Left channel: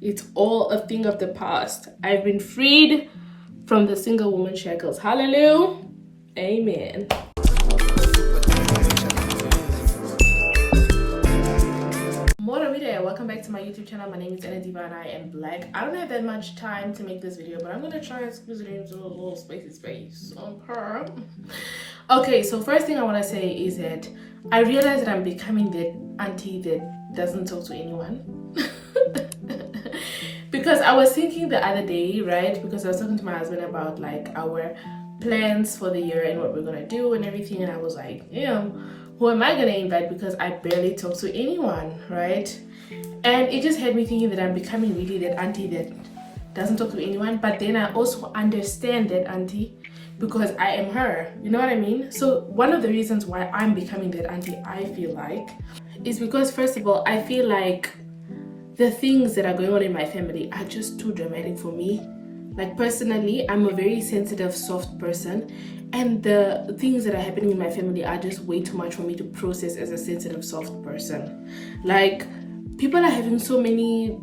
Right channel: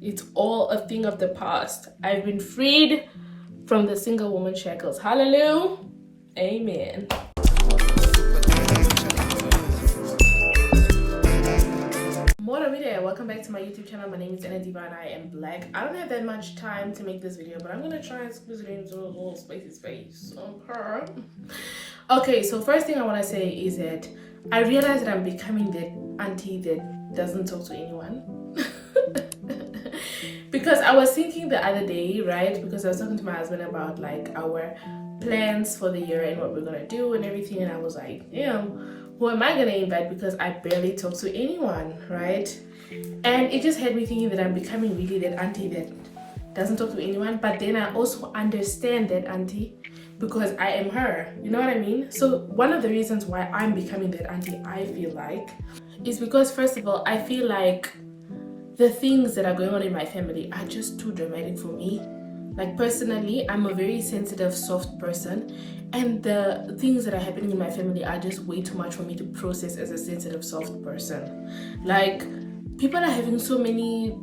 It's all a thing of the past. I've been freed from the single woman shackles. Hallelujah. Amen. Welcome back to my YouTube channel. My name is Ann-Adeva and I am black. I don't have that much time to make this video, but I'm gonna try and squeeze it into a little spicy space. Okay, so first thing I want to say is that I realize that I'm becoming that auntie that doesn't talk to anyone. Because I was thinking the other day, right, because I was talking to my husband about like our plans for the year and what we're gonna do and everything, and I was like, who am I gonna invite, because I barely talk to anyone, right? And it just had me thinking that I'm becoming really that auntie that doesn't talk to anyone. But then I also understand that auntie because I am her, you know what I mean? So one of the reasons why I'm becoming that auntie, I feel like, is because first of all, I feel like the things that are going on in my family are just too dramatic for me. Like personally, I'm a very sensitive, soft person, and the things that are happening in my family are just way too much for me to process as a sensitive, soft person. Like, people are having so many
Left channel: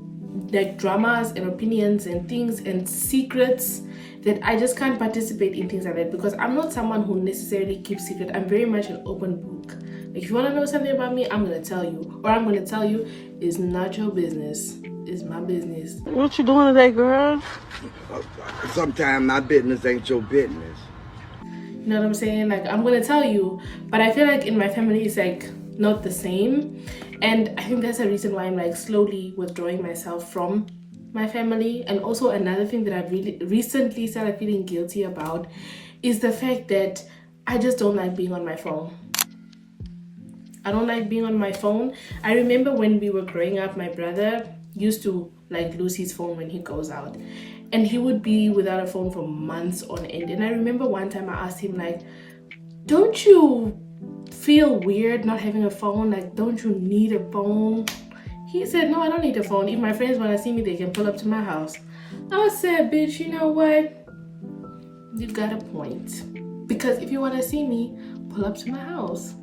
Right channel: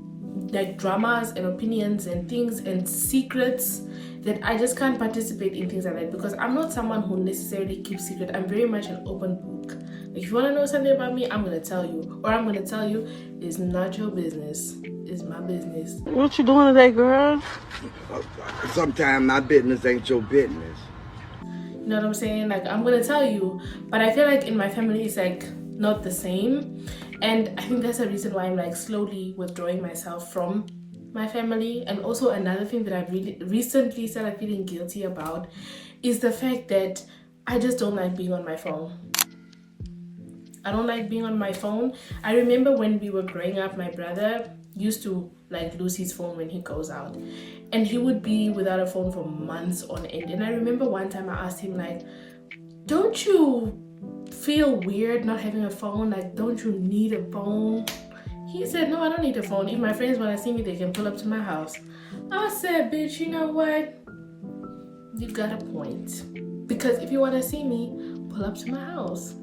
like dramas and opinions and things and secrets that I just can't participate in things like that, because I'm not someone who necessarily keeps secret. I'm very much an open book. Like, if you want to know something about me, I'm going to tell you. Or I'm going to tell you, it's not your business. It's my business. What you doing today, girl? Sometimes my business ain't your business. You know what I'm saying? Like, I'm going to tell you. But I feel like in my family, it's like not the same. And I think that's the reason why I'm like slowly withdrawing myself from my family. And also another thing that I've really recently started feeling guilty about is the fact that I just don't like being on my phone. I don't like being on my phone. I remember when we were growing up, my brother used to like lose his phone when he goes out, and he would be without a phone for months on end. And I remember one time I asked him, like, don't you feel weird not having a phone? Like, don't you need a phone? He said, no, I don't need a phone. If my friends want to see me, they can pull up to my house. I said, bitch, you know what? You got a point. Because if you want to see me, pull up to my house.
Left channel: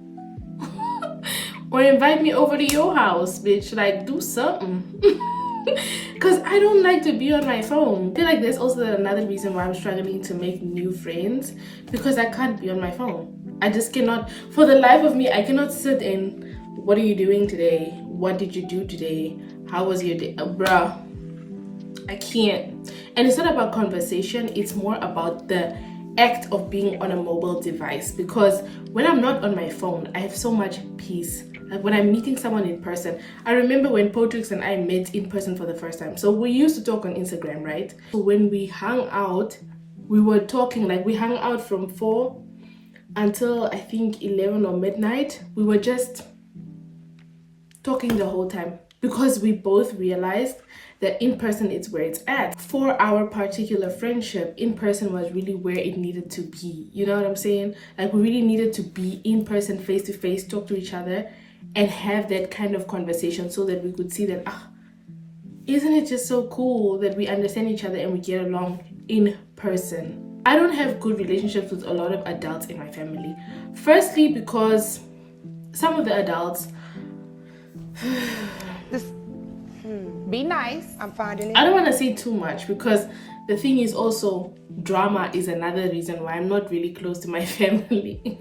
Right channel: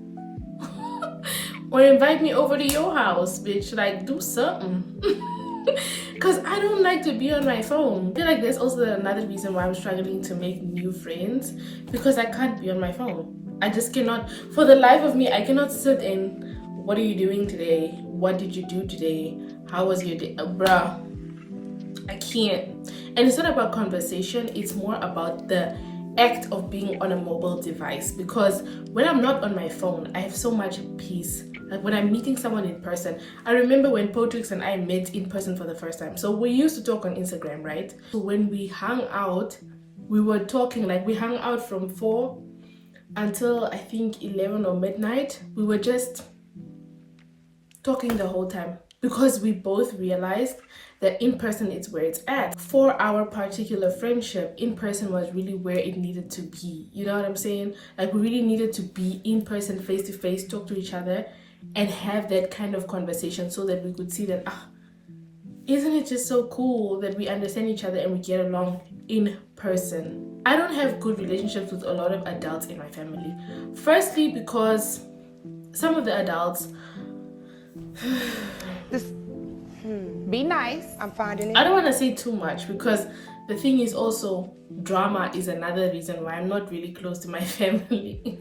Or invite me over to your house, bitch. Like, do something. Because I don't like to be on my phone. I feel like there's also another reason why I'm struggling to make new friends, because I can't be on my phone. I just cannot, for the life of me, I cannot sit in, what are you doing today? What did you do today? How was your day? Bruh, I can't. And it's not about conversation, it's more about the act of being on a mobile device. Because when I'm not on my phone, I have so much peace. Like when I'm meeting someone in person, I remember when Potrix and I met in person for the first time. So we used to talk on Instagram, right? So when we hung out, we were talking, like we hung out from 4 until I think 11 or midnight. We were just talking the whole time, because we both realized that in person it's where it's at. For our particular friendship, in person was really where it needed to be. You know what I'm saying? Like, we really needed to be in person, face to face, talk to each other and have that kind of conversation, so that we could see that, isn't it just so cool that we understand each other and we get along in person. I don't have good relationships with a lot of adults in my family. Firstly, because some of the adults be nice. I'm finding it. I don't want to say too much, because the thing is also, drama is another reason why I'm not really close to my family.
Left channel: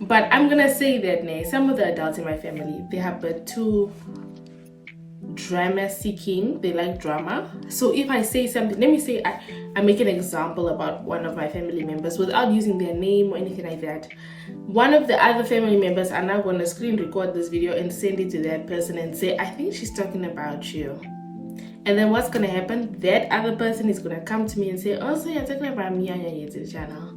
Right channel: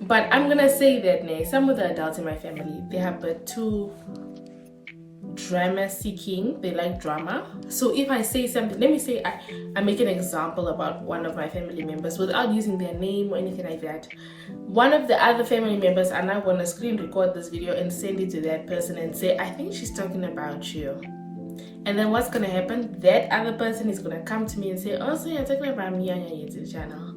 But I'm gonna say that some of the adults in my family, they have but too drama seeking. They like drama. So if I say something, let me say I make an example about one of my family members without using their name or anything like that. One of the other family members are now going to screen record this video and send it to that person and say, I think she's talking about you. And then what's going to happen? That other person is going to come to me and say, oh, so you're talking about me on your YouTube channel.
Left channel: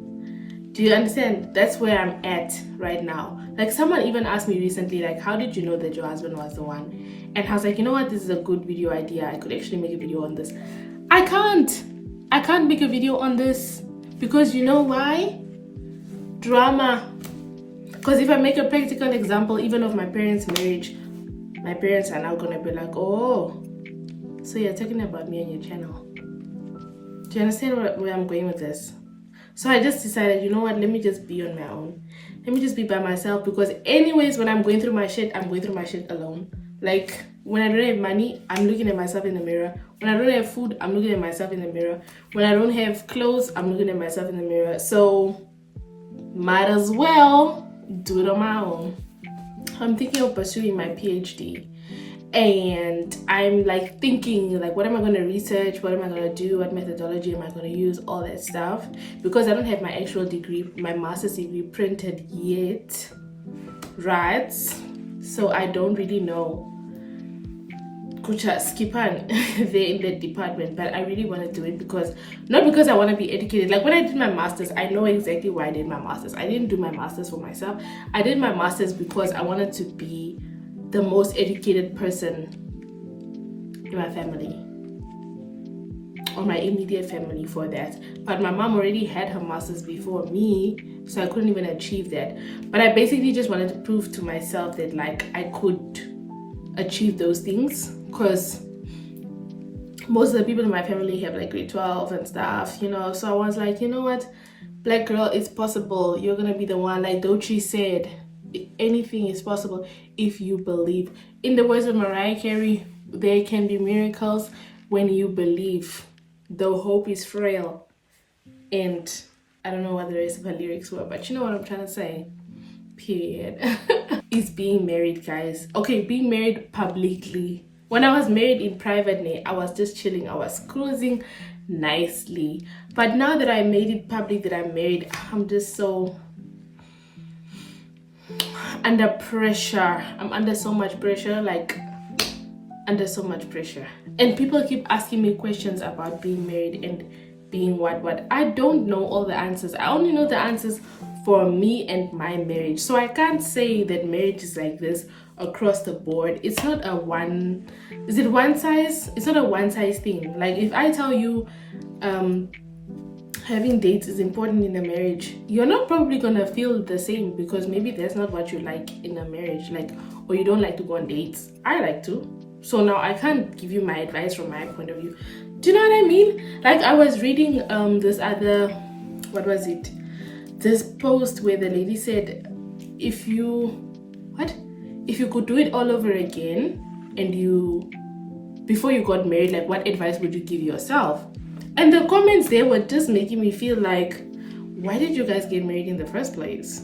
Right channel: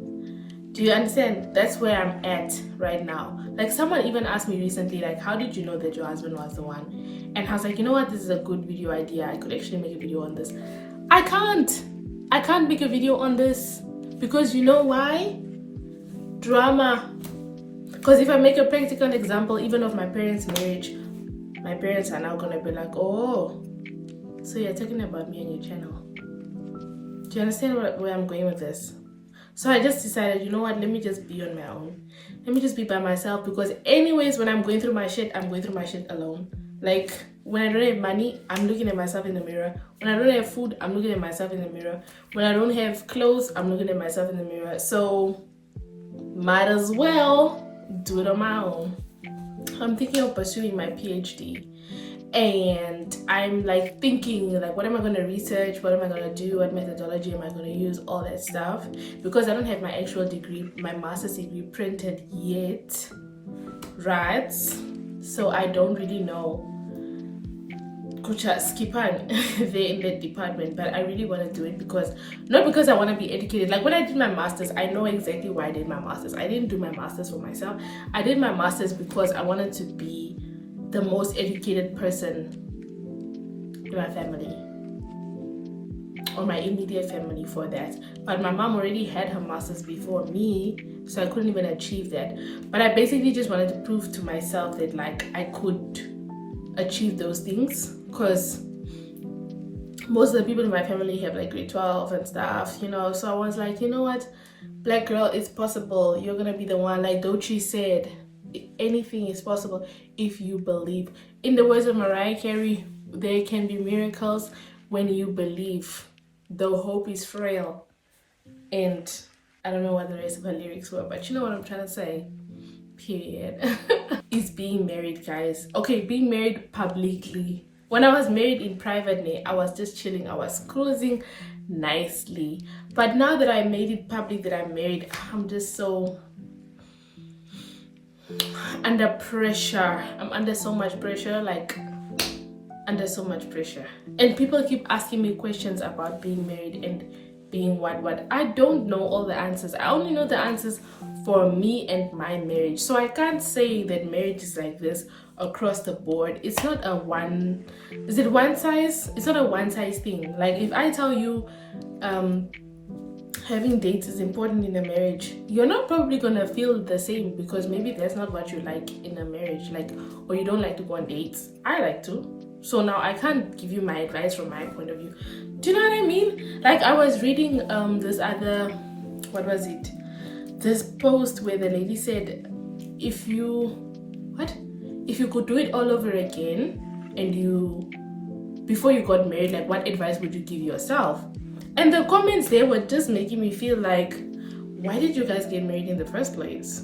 Do you understand? That's where I'm at right now. Like, someone even asked me recently, like, how did you know that your husband was the one? And I was like, you know what? This is a good video idea. I could actually make a video on this. I can't make a video on this, because you know why? Drama. Because if I make a practical example, even of my parents' marriage, my parents are now going to be like, oh, so you're talking about me on your channel. Do you understand where I'm going with this? So I just decided, you know what, let me just be on my own. Let me just be by myself, because anyways, when I'm going through my shit, I'm going through my shit alone. Like, When I don't have money, I'm looking at myself in the mirror. When I don't have food, I'm looking at myself in the mirror. When I don't have clothes, I'm looking at myself in the mirror. So might as well do it on my own. I'm thinking of pursuing my PhD, and I'm like thinking like, what am I going to research, what am I going to do, what methodology am I going to use, all that stuff, because I don't have my actual degree, my master's degree printed yet, right? So I don't really know. Kucha skipan there in that department, but I really want to do it because not because I want to be educated. Like when I did my master's, I know exactly why I did my master's. I didn't do my master's for myself. I did my master's because I wanted to be the most educated person in my family, or my immediate family, for that. But my mom already had her master's before me, so I couldn't even achieve that. But I basically just wanted to prove to myself that like I could achieve those things, because most of the people in my family have like grade 12 and stuff, you know. So I was like, you know what, black girl, it's possible. You're gonna be the one. Like Devitchi said, anything is possible if you believe. In the words of Mariah Carey, there can be miracles when you believe, though hope is frail. And I don't know what the rest of her lyrics were, but you know what I'm trying to say. Period. Is being married, guys. Okay, being married publicly. When I was married in private, I was just chilling. I was cruising nicely. But now that I made it public that I'm married, I'm just so under pressure. I'm under so much pressure, like under so much pressure. And people keep asking me questions about being married and being what. I don't know all the answers. I only know the answers for me and my marriage. So I can't say that marriage is like this across the board. It's not a one, is it one size? It's not a one size thing. Like if I tell you having dates is important in a marriage, you're not probably gonna feel the same, because maybe that's not what you like in a marriage, like, or you don't like to go on dates. I like to. So now I can't give you my advice from my point of view. Do you know what I mean? Like I was reading this other, what was it? This post where the lady said, if you could do it all over again, and before you got married, like what advice would you give yourself? And the comments there were just making me feel like, why did you guys get married in the first place?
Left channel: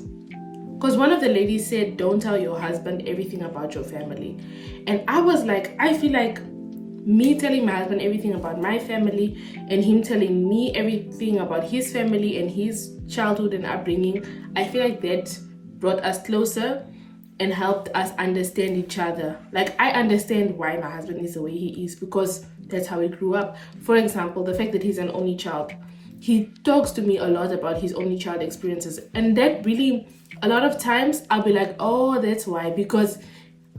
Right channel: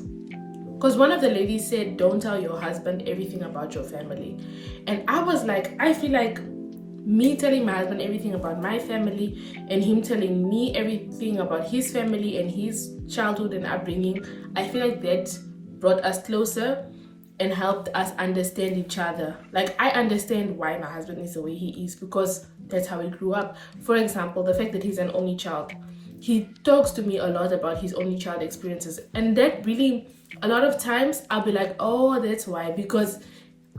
Because one of the ladies said, don't tell your husband everything about your family. And I was like, I feel like me telling my husband everything about my family and him telling me everything about his family and his childhood and upbringing, I feel like that brought us closer and helped us understand each other. Like I understand why my husband is the way he is, because that's how he grew up. For example, the fact that he's an only child. He talks to me a lot about his only child experiences, and that really, a lot of times I'll be like, oh, that's why, because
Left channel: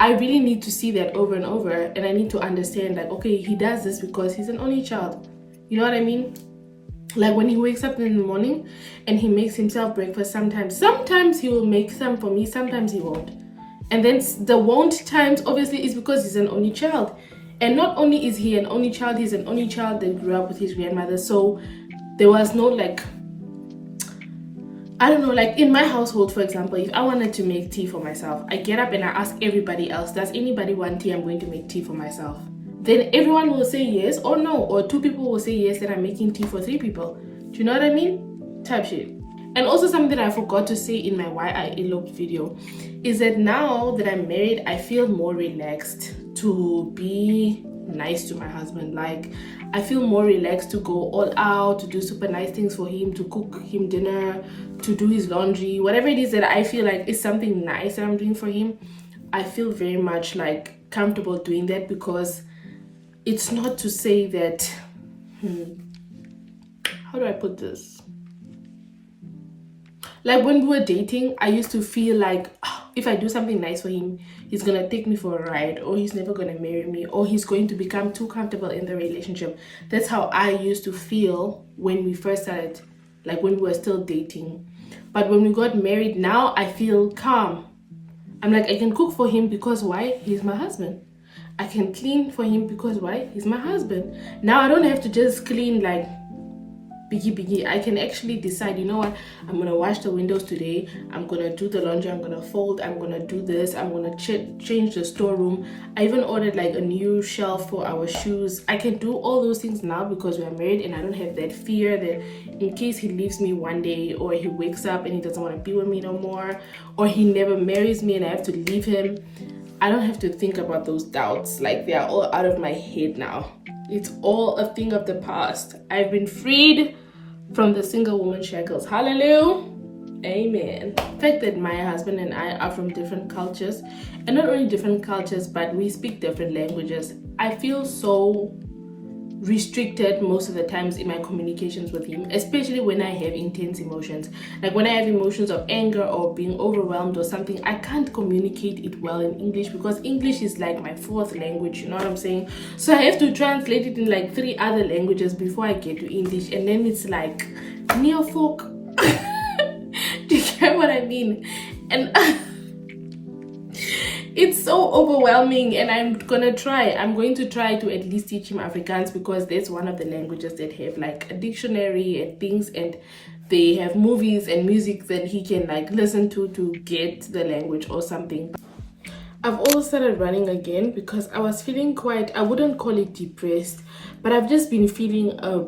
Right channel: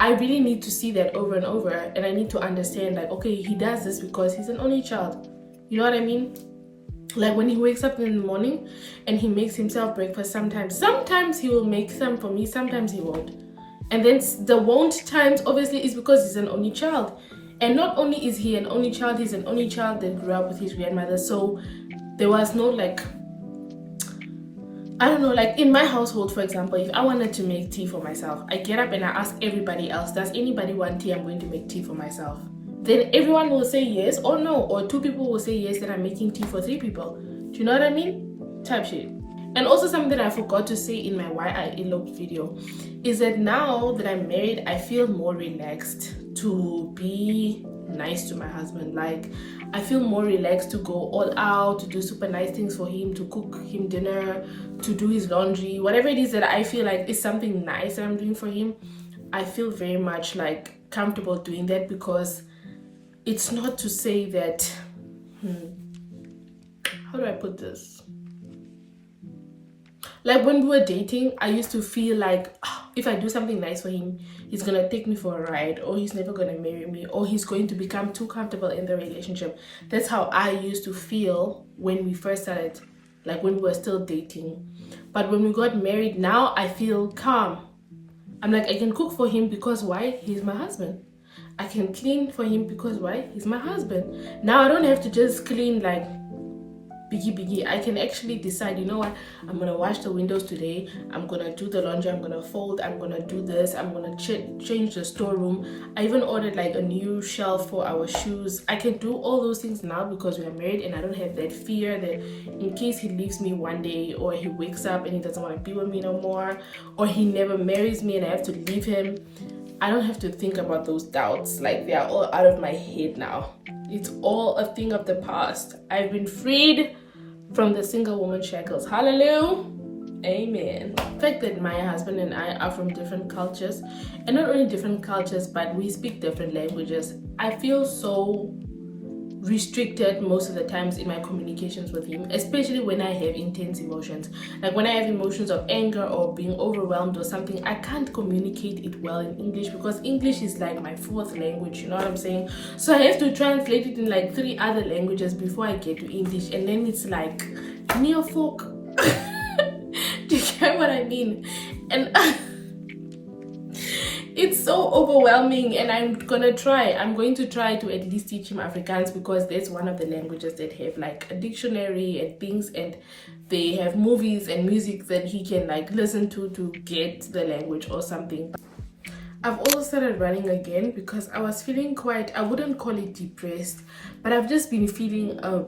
I really need to see that over and over, and I need to understand like, okay, he does this because he's an only child. You know what I mean? Like when he wakes up in the morning and he makes himself breakfast, sometimes he will make some for me, sometimes he won't. And then the won't times obviously is because he's an only child. And not only is he an only child, he's an only child that grew up with his grandmother. So there was no like, I don't know, like in my household, for example, if I wanted to make tea for myself, I get up and I ask everybody else, does anybody want tea? I'm going to make tea for myself. Then everyone will say yes or no, or two people will say yes, then I'm making tea for 3 people. Do you know what I mean? Type shit. And also something that I forgot to say in my Why I Eloped video is that now that I'm married, I feel more relaxed to be nice to my husband. Like I feel more relaxed to go all out, to do super nice things for him, to cook him dinner, to do his laundry, whatever it is that I feel like is something nice that I'm doing for him. I feel very much like comfortable doing that, because it's not to say that, how do I put this? Like when we were dating, I used to feel like if I do something nice for him, he's gonna take me for a ride, or he's never gonna marry me, or he's going to become too comfortable in the relationship. That's how I used to feel when we first started, like when we were still dating. But when we got married, now I feel calm. I'm like, I can cook for him because why? He's my husband. I can clean for him because why? He's my husband. Now I don't have to just clean like biggie. I can actually decide, you know what, I'm gonna wash the windows today, I'm gonna do the laundry, I'm gonna fold, I'm gonna do this, I'm gonna change the storeroom. I even ordered like a new shelf for our shoes. I can do all those things now because we're married, and I don't have that fear that in case he leaves me one day, or he wakes up and he doesn't want to be with me no more, or he never marries me and I have to leave him. I don't have to think about those doubts. Like, they are all out of my head now. It's all a thing of the past. I've been freed from the single woman shackles. Hallelujah. Amen. The fact that my husband and I are from different cultures, and not only different cultures, but we speak different languages, I feel so restricted most of the times in my communications with him, especially when I have intense emotions. Like when I have emotions of anger or being overwhelmed or something, I can't communicate it well in English because English is like my fourth language, you know what I'm saying? So I have to translate it in like 3 other languages before I get to English, and then it's like neofolk. Do you get what I mean? And it's so overwhelming, and I'm going to try to at least teach him Afrikaans, because that's one of the languages that have like a dictionary and things, and they have movies and music that he can like listen to get the language or something. I've also started running again because I was feeling quite, I wouldn't call it depressed, but I've just been feeling a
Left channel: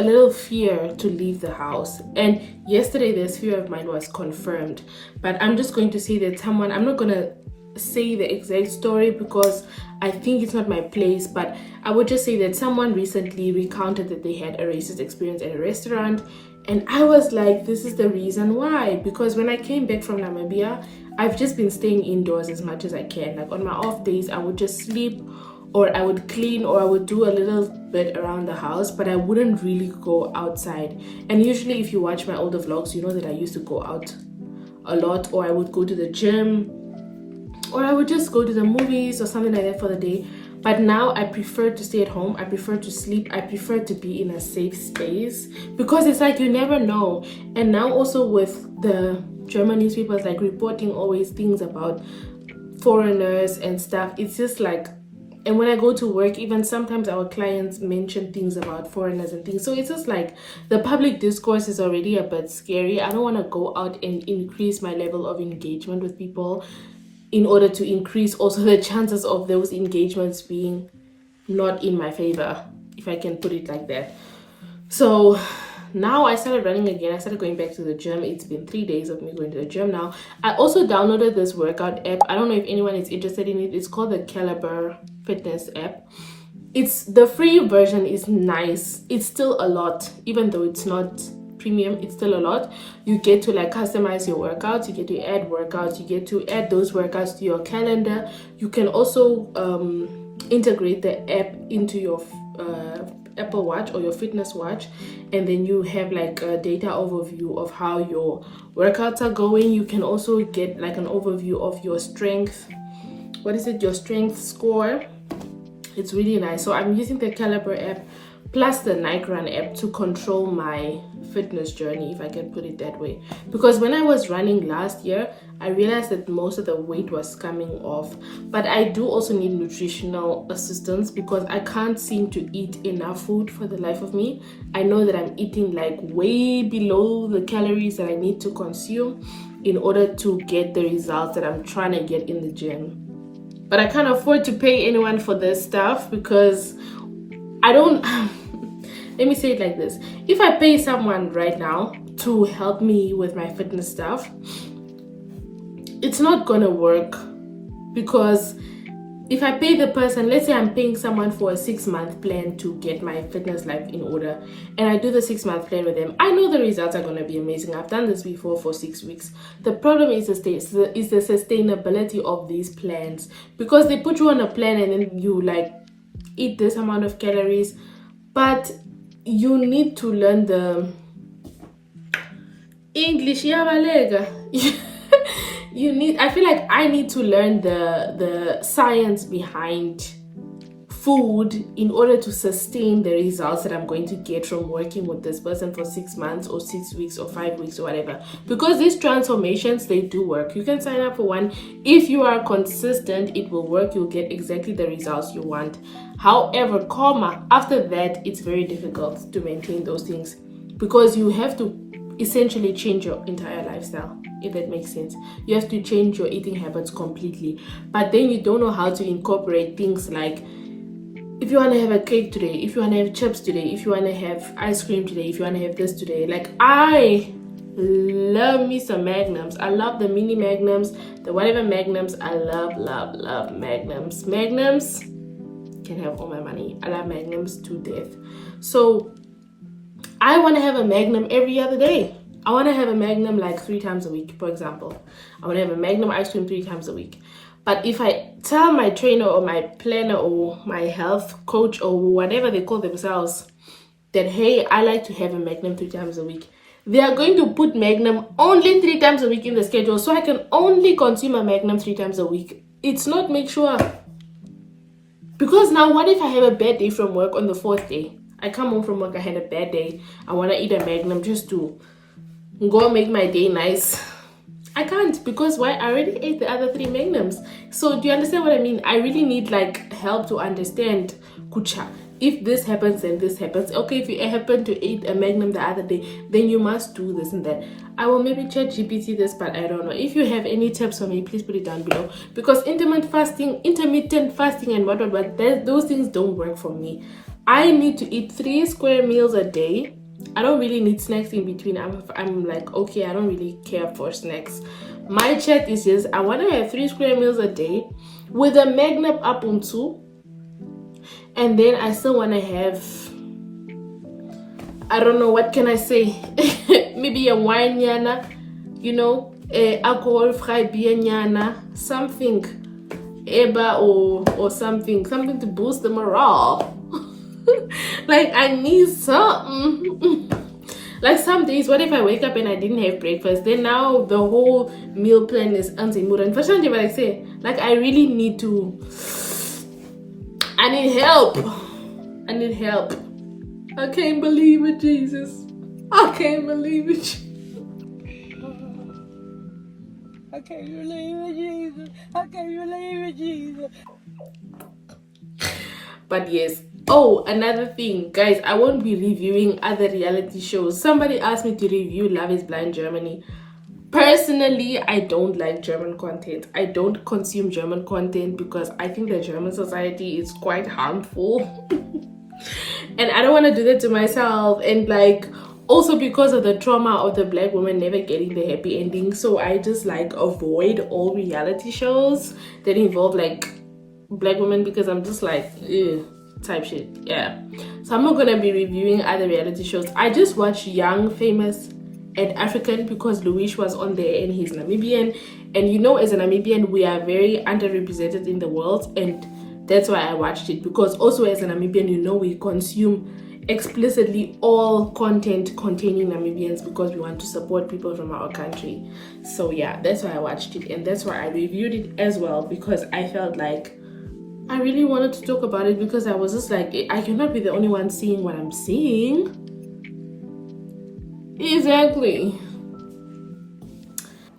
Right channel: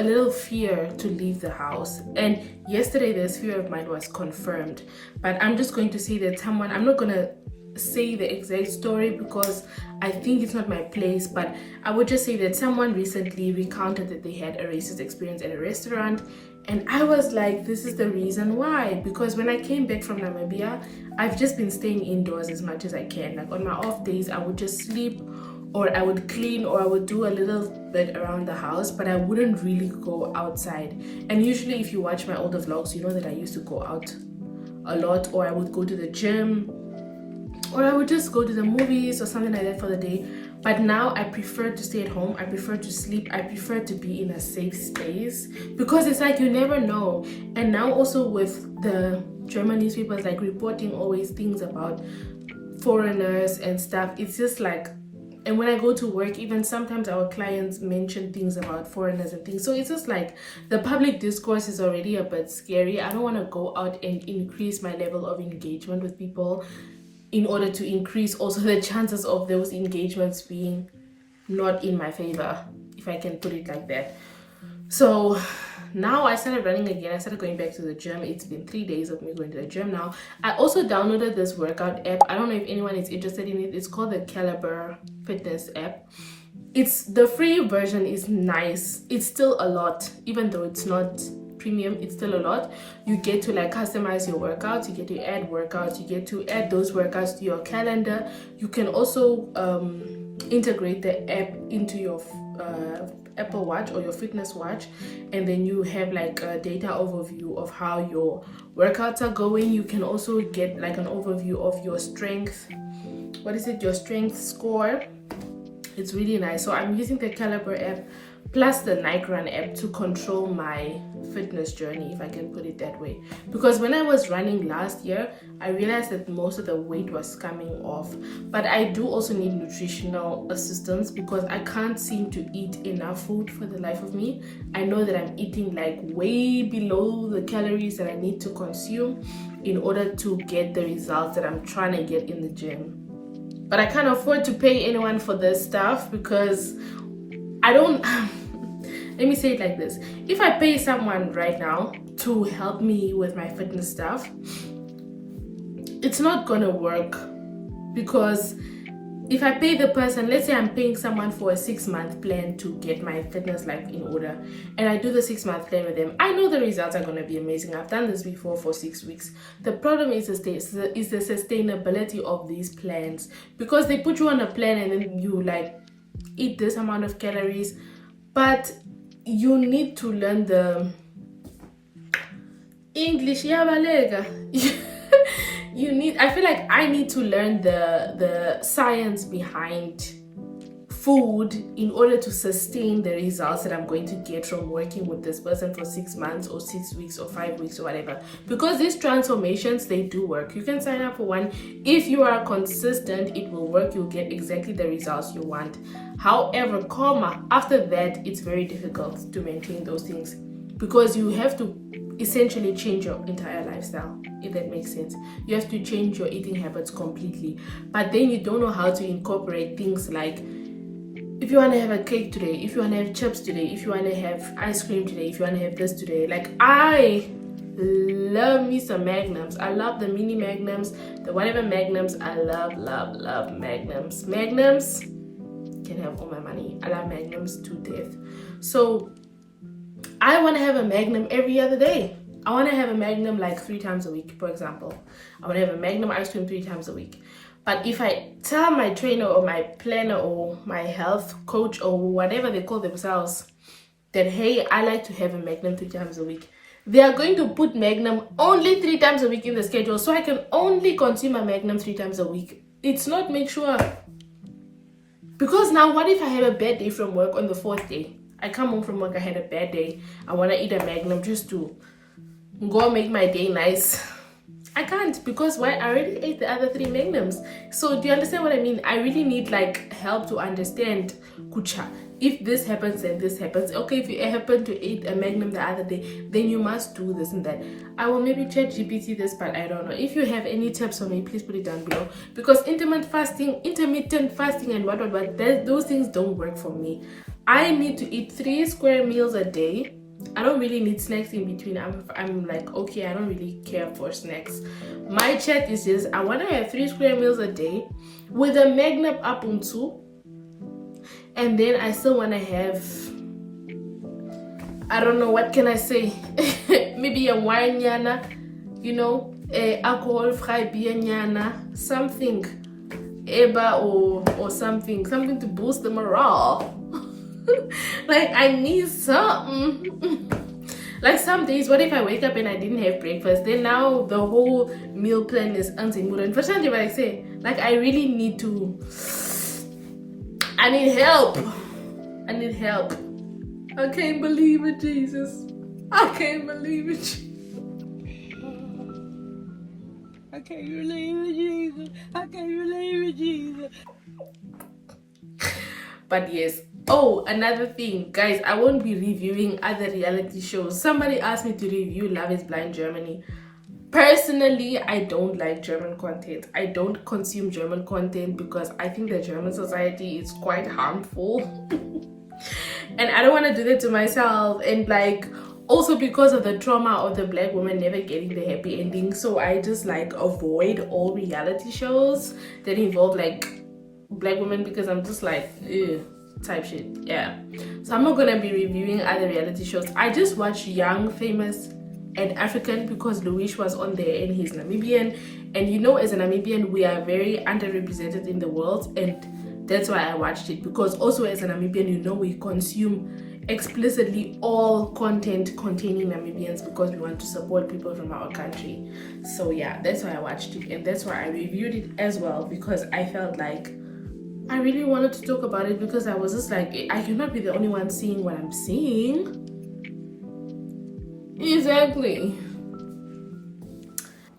little fear to leave the house. And yesterday this fear of mine was confirmed, but I'm just going to say that I'm not gonna say the exact story because I think it's not my place, but I would just say that someone recently recounted that they had a racist experience at a restaurant, and I was like, this is the reason why. Because when I came back from Namibia, I've just been staying indoors as much as I can. Like on my off days, I would just sleep, or I would clean, or I would do a little bit around the house, but I wouldn't really go outside. And usually if you watch my older vlogs, you know that I used to go out a lot, or I would go to the gym, or I would just go to the movies or something like that for the day. But now I prefer to stay at home, I prefer to sleep, I prefer to be in a safe space, because it's like you never know. And now also with the German newspapers like reporting always things about foreigners and stuff, it's just like, and when I go to work, even sometimes our clients mention things about foreigners and things. So it's just like the public discourse is already a bit scary. I don't want to go out and increase my level of engagement with people in order to increase also the chances of those engagements being not in my favor, if I can put it like that. So now I started running again. I started going back to the gym. It's been 3 days of me going to the gym now. I also downloaded this workout app. I don't know if anyone is interested in it. It's called the Caliber Fitness app. It's the free version is nice. It's still a lot, even though it's not premium, it's still a lot. You get to like customize your workouts, you get to add workouts, you get to add those workouts to your calendar. You can also integrate the app into your Apple Watch or your fitness watch, and then you have like a data overview of how your workouts are going. You can also get like an overview of your strength, your strength score. It's really nice. So I'm using the Caliber app plus the Nike Run app to control my fitness journey, if I can put it that way. Because when I was running last year, I realized that most of the weight was coming off. But I do also need nutritional assistance because I can't seem to eat enough food for the life of me. I know that I'm eating like way below the calories that I need to consume in order to get the results that I'm trying to get in the gym. But I can't afford to pay anyone for this stuff because I don't... Let me say it like this. If I pay someone right now to help me with my fitness stuff, it's not gonna work. Because if I pay the person, let's say I'm paying someone for a 6-month plan to get my fitness life in order, and I do the 6-month plan with them, I know the results are gonna be amazing. I've done this before for 6 weeks. The problem is the sustainability of these plans, because they put you on a plan and then you like eat this amount of calories, but you need to learn the English. I feel like I need to learn the science behind food in order to sustain the results that I'm going to get from working with this person for 6 months or 6 weeks or 5 weeks or whatever. Because these transformations, they do work. You can sign up for one. If you are consistent, it will work. You'll get exactly the results you want. However, after that, it's very difficult to maintain those things because you have to essentially change your entire lifestyle, if that makes sense. You have to change your eating habits completely, but then you don't know how to incorporate things like, if you want to have a cake today, if you want to have chips today, if you want to have ice cream today, if you want to have this today. Like, I love me some Magnums. I love the mini Magnums, the whatever Magnums. I love Magnums. Magnums can have all my money. I love Magnums to death. So I want to have a Magnum every other day. I want to have a Magnum like 3 times a week, for example. I want to have a Magnum ice cream 3 times a week. But if I tell my trainer or my planner or my health coach or whatever they call themselves that, hey, I like to have a Magnum 3 times a week, they are going to put Magnum only 3 times a week in the schedule, so I can only consume a Magnum 3 times a week. It's not make sure. Because now what if I have a bad day from work on the 4th day? I come home from work, I had a bad day. I want to eat a Magnum just to go make my day nice. I can't, because why? I already ate the other 3 Magnums. So do you understand what I mean? I really need like help to understand, kucha, if this happens and this happens. Okay, if you happen to eat a Magnum the other day, then you must do this and that. I will maybe chat GPT this, but I don't know. If you have any tips for me, please put it down below. Because intermittent fasting and what, those things don't work for me. I need to eat 3 square meals a day. I don't really need snacks in between. I'm like, okay, I don't really care for snacks. My chat is just, I want to have 3 square meals a day with a Magnum up on 2. And then I still want to have, I don't know, what can I say? Maybe a wine yana, you know, alcohol free beer yana, something, eba or something to boost the morale. Like, I need something. Like, some days, what if I wake up and I didn't have breakfast? Then now the whole meal plan is anti-mood. Unfortunately, what I say, like, I really need to, I need help. I need help. I can't believe it, Jesus. I can't believe it. I can't believe it, Jesus. I can't believe it, Jesus. But yes. Oh, another thing, guys, I won't be reviewing other reality shows. Somebody asked me to review Love is Blind Germany. Personally, I don't like German content. I don't consume German content because I think the German society is quite harmful. And I don't want to do that to myself. And like, also because of the trauma of the black woman never getting the happy ending. So I just like avoid all reality shows that involve like black women, because I'm just like, ew, type shit. Yeah, so I'm not gonna be reviewing other reality shows. I just watched Young, Famous and African because Louis was on there and he's Namibian, and you know, as a Namibian we are very underrepresented in the world, and that's why I watched it. Because also as a Namibian, you know, we consume explicitly all content containing Namibians because we want to support people from our country. So yeah, that's why I watched it, and that's why I reviewed it as well, because I felt like I really wanted to talk about it, because I was just like, I cannot be the only one seeing what I'm seeing. Exactly.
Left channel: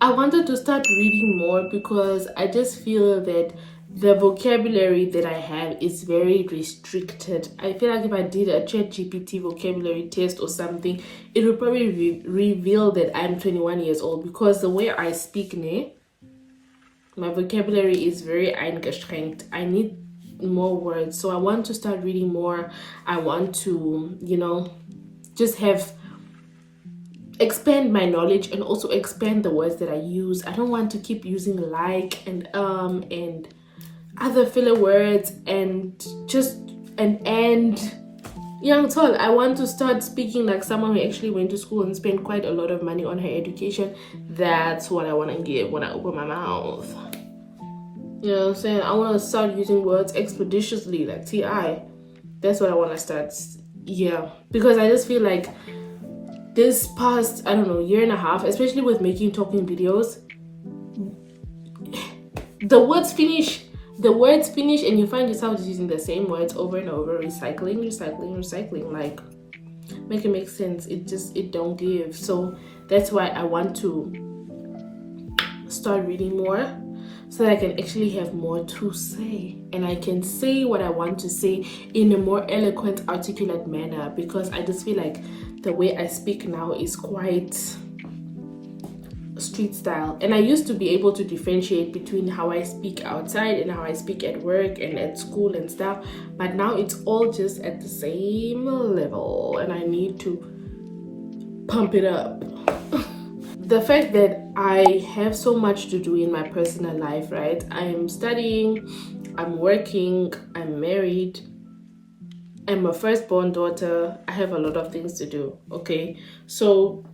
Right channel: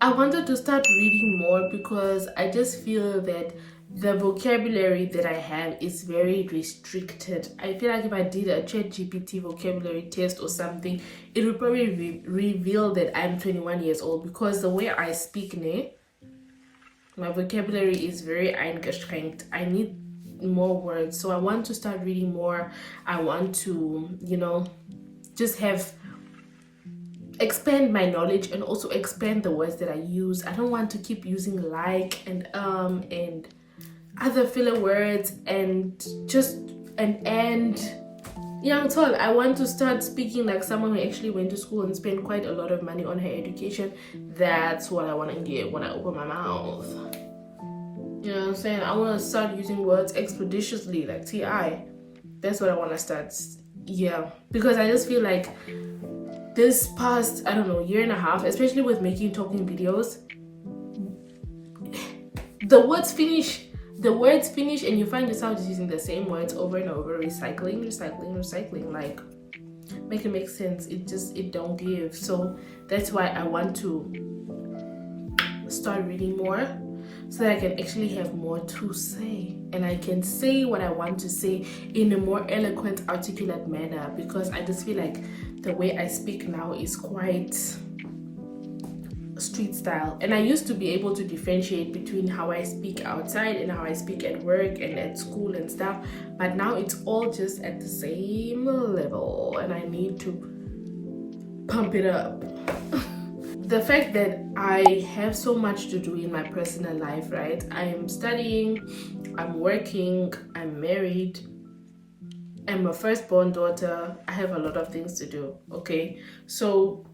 I wanted to start reading more because I just feel that the vocabulary that I have is very restricted. I feel like if I did a ChatGPT vocabulary test or something, it would probably reveal that I'm 21 years old, because the way I speak now, my vocabulary is very eingeschränkt. I need more words. So I want to start reading more. I want to, you know, just expand my knowledge and also expand the words that I use. I don't want to keep using like and other filler words and just and young tall. I want to start speaking like someone who actually went to school and spent quite a lot of money on her education. That's what I want to get when I open my mouth. You know what I'm saying? I want to start using words expeditiously, like TI. That's what I want to start. Yeah, because I just feel like this past, I don't know, year and a half, especially with making talking videos, the words finish. the words finish and you find yourself just using the same words over and over, recycling. Like, make it make sense. It don't give. So that's why I want to start reading more, so that I can actually have more to say, and I can say what I want to say in a more eloquent, articulate manner, because I just feel like the way I speak now is quite street style, and I used to be able to differentiate between how I speak outside and how I speak at work and at school and stuff, but now it's all just at the same level, and I need to pump it up. The fact that I have so much to do in my personal life, right? I am studying, I'm working, I'm married, I'm a firstborn daughter, I have a lot of things to do, okay? So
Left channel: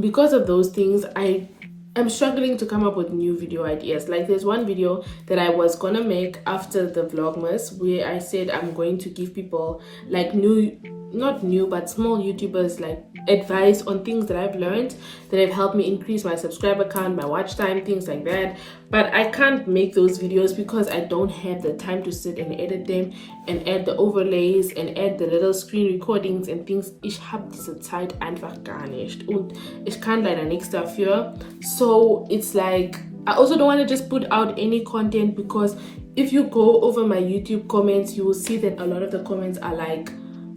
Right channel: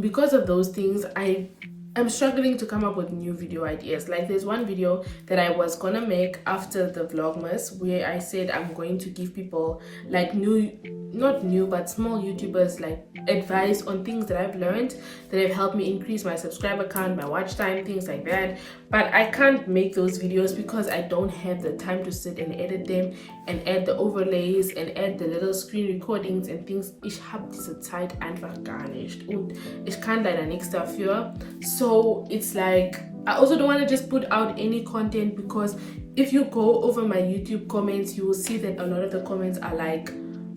because of those things, I'm struggling to come up with new video ideas. Like, there's one video that I was gonna make after the Vlogmas where I said I'm going to give people like not new but small YouTubers like advice on things that I've learned that have helped me increase my subscriber count, my watch time, things like that. But I can't make those videos because I don't have the time to sit and edit them and add the overlays and add the little screen recordings and things. Ich habe diese Zeit einfach gar nicht und ich kann leider nichts dafür. So it's like, I also don't want to just put out any content, because if you go over my YouTube comments, you will see that a lot of the comments are like,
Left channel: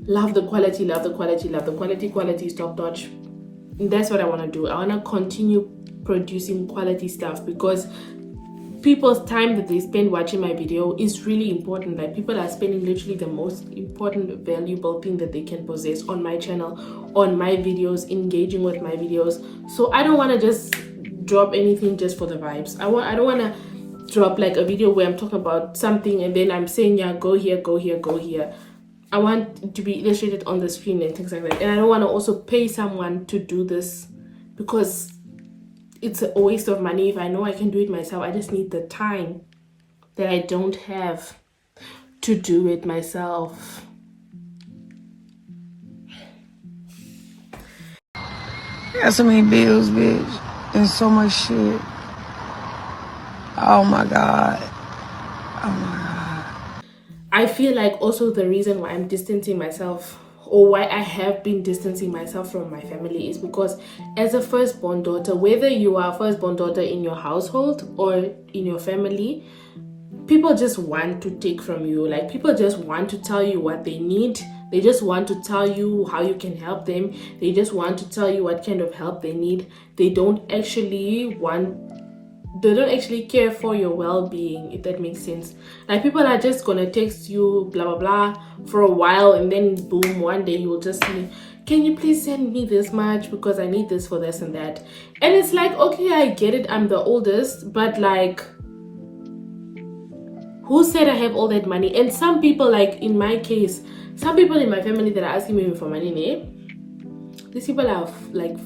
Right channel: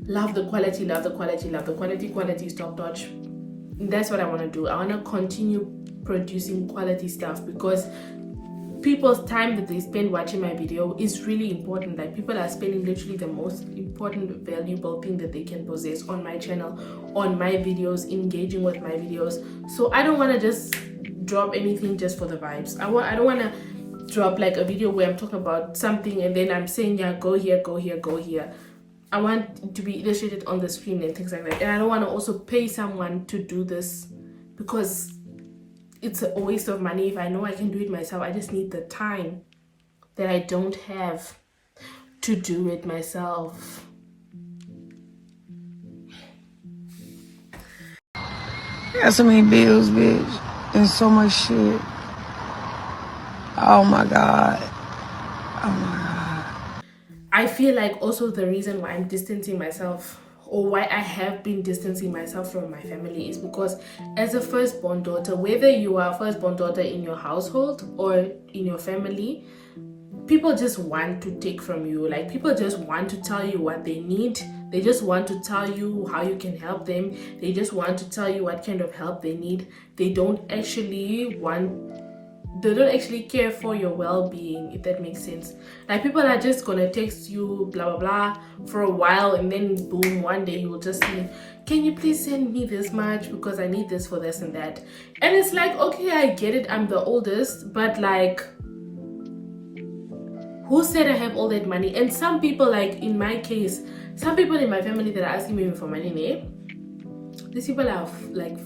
love the quality, quality is top notch. And that's what I want to do. I want to continue producing quality stuff, because people's time that they spend watching my video is really important. Like, people are spending literally the most important, valuable thing that they can possess on my channel, on my videos, engaging with my videos. So I don't want to just drop anything just for the vibes. I don't want to drop like a video where I'm talking about something and then I'm saying, yeah, go here, go here, go here. I want it to be illustrated on the screen and things like that. And I don't want to also pay someone to do this, because it's a waste of money. If I know I can do it myself, I just need the time that I don't have to do it myself. I got so many bills, bitch, and so much shit. Oh my God. Oh my God. I feel like also the reason why I'm distancing myself, or why I have been distancing myself from my family, is because as a firstborn daughter, whether you are a firstborn daughter in your household or in your family, people just want to take from you. Like, people just want to tell you what they need. They just want to tell you how you can help them. They just want to tell you what kind of help they need. They don't actually care for your well-being, if that makes sense. Like, people are just gonna text you blah blah blah for a while, and then boom, one day you'll just see, can you please send me this much because I need this for this and that. And it's like, okay, I get it, I'm the oldest, but like, who said I have all that money? And some people, like in my case, some people in my family that are asking me for money, these people are like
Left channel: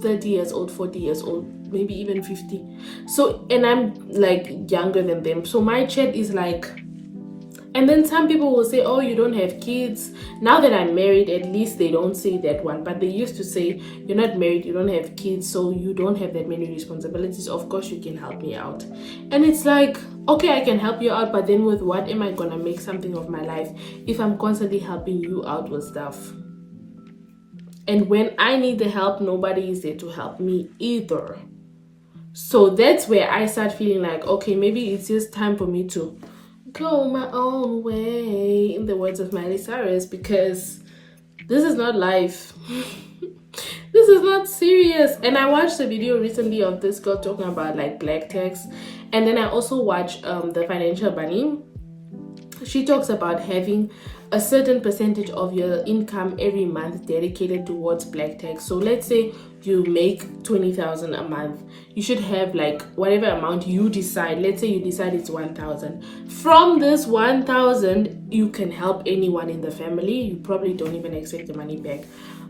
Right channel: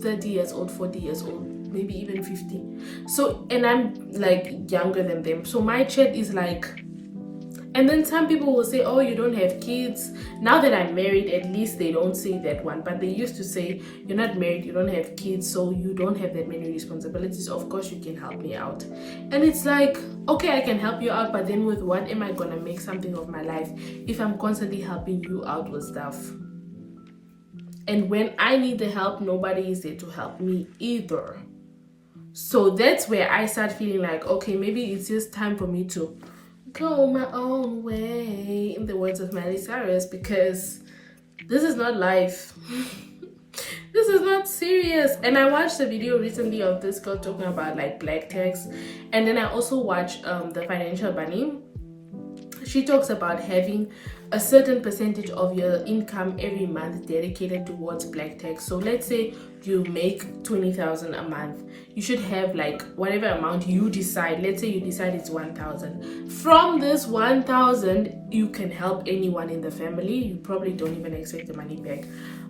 30 years old, 40 years old, maybe even 50. So, and I'm like younger than them. So my chat is like, and then some people will say, oh, you don't have kids. Now that I'm married, at least they don't say that one. But they used to say, you're not married, you don't have kids, so you don't have that many responsibilities. Of course, you can help me out. And it's like, okay, I can help you out, but then with what am I gonna make something of my life if I'm constantly helping you out with stuff? And when I need the help, nobody is there to help me either. So that's where I start feeling like, okay, maybe it's just time for me to go my own way, in the words of Miley Cyrus, because this is not life. This is not serious. And I watched a video recently of this girl talking about like black tax, and then I also watched the Financial Bunny. She talks about having a certain percentage of your income every month dedicated towards black tax. So let's say you make 20,000 a month, you should have like whatever amount you decide. Let's say you decide it's 1,000. From this 1,000, you can help anyone in the family. You probably don't even expect the money back.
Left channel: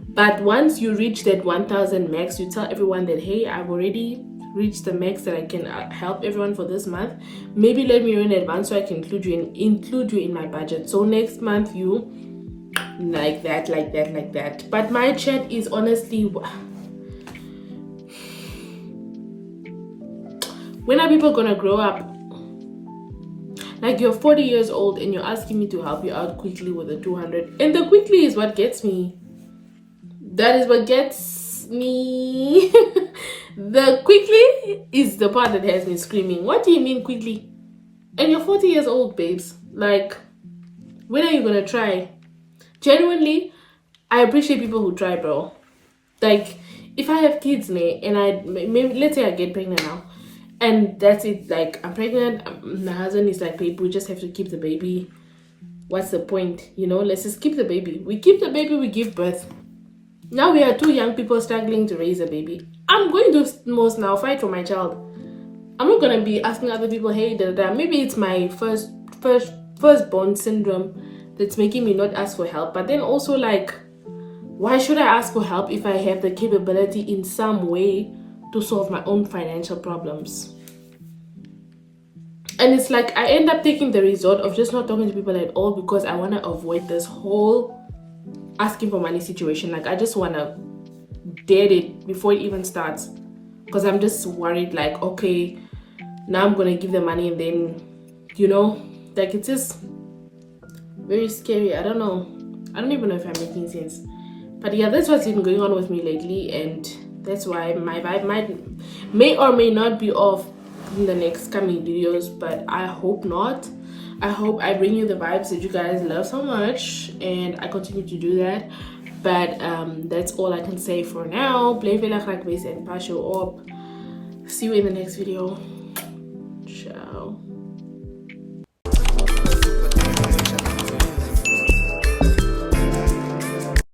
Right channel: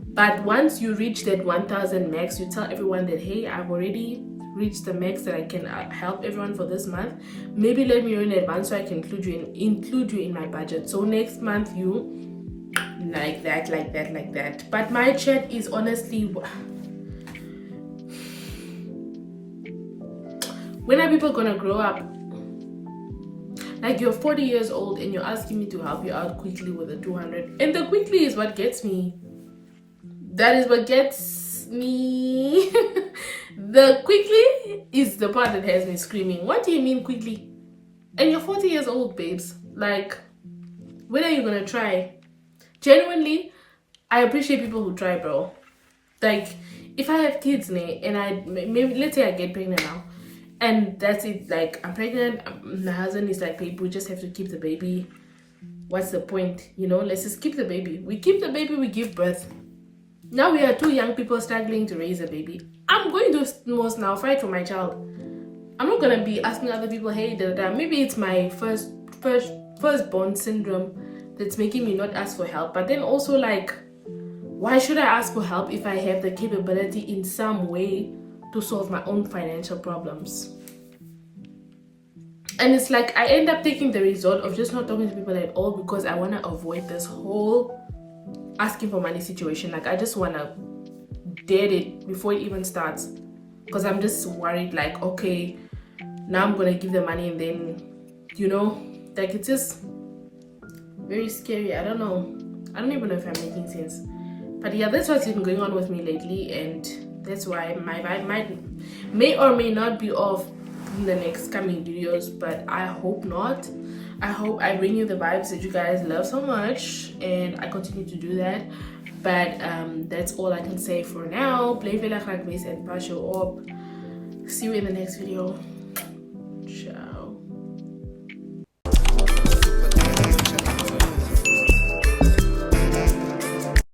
But once you reach that 1,000 max, you tell everyone that, hey, I've already reached the max that I can help everyone for this month. Maybe let me know in advance so I can include you in my budget. So next month you like that. But my chat is honestly, when are people gonna grow up? Like, you're 40 years old and you're asking me to help you out quickly with the 200. And the quickly is what gets me. That is what gets me. The quickly is the part that has me screaming. What do you mean quickly? And you're 40 years old, babes. Like, when are you gonna try? Genuinely, I appreciate people who try, bro. Like, if I have kids, and maybe let's say I get pregnant now, and that's it. Like, I'm pregnant. My husband is like, babe, we just have to keep the baby. What's the point? You know, let's just keep the baby. We keep the baby. We give birth. Now we are two young people struggling to raise a baby. I'm going to most now fight for my child. I'm not gonna be asking other people, hey, maybe it's my firstborn syndrome that's making me not ask for help. But then also, like, why should I ask for help if I have the capability in some way to solve my own financial problems? And it's like I end up taking the result of just not talking to people at all because I want to avoid this whole asking for money situation. Like, I just want to dead it before it even starts, because I'm just worried, like, okay, now I'm gonna give the money and then, you know, like, it's just very scary. I don't know. I don't even know if I'm making sense. But yeah, that's what's been going on with me lately, and that's why my vibe may or may not be off in the next coming videos, but I hope not. I hope I bring you the vibes that you guys love so much, and I continue to do that. But that's all I can say for now. Play Vela Base and Pasho up. See you in the next video.